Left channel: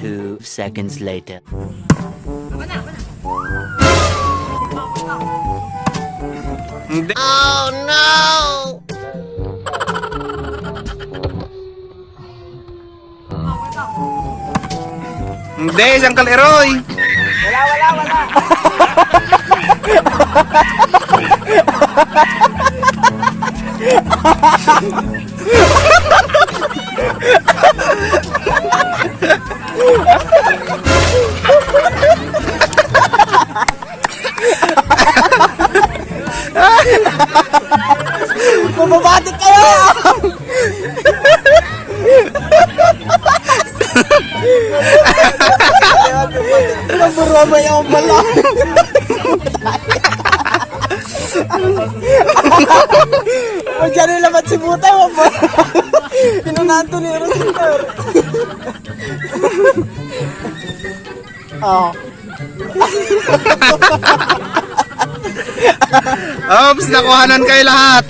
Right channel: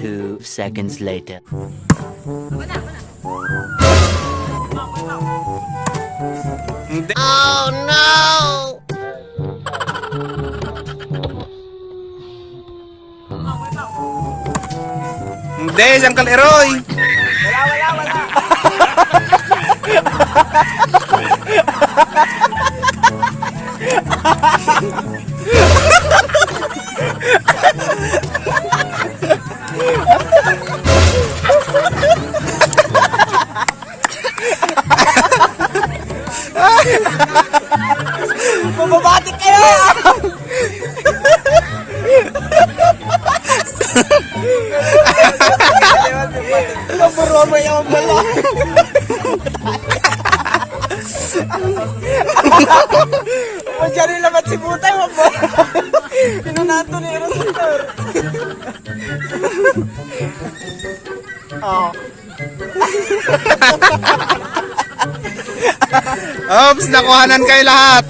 2 seconds later. Oh no! Hindi, isang kaleroy. Bumabatik kayo! Naburama yung bala. Pag yan nilamat si Butay, pinunato niya rin sir. Oh. Oops, nakuhanan kayo lahat.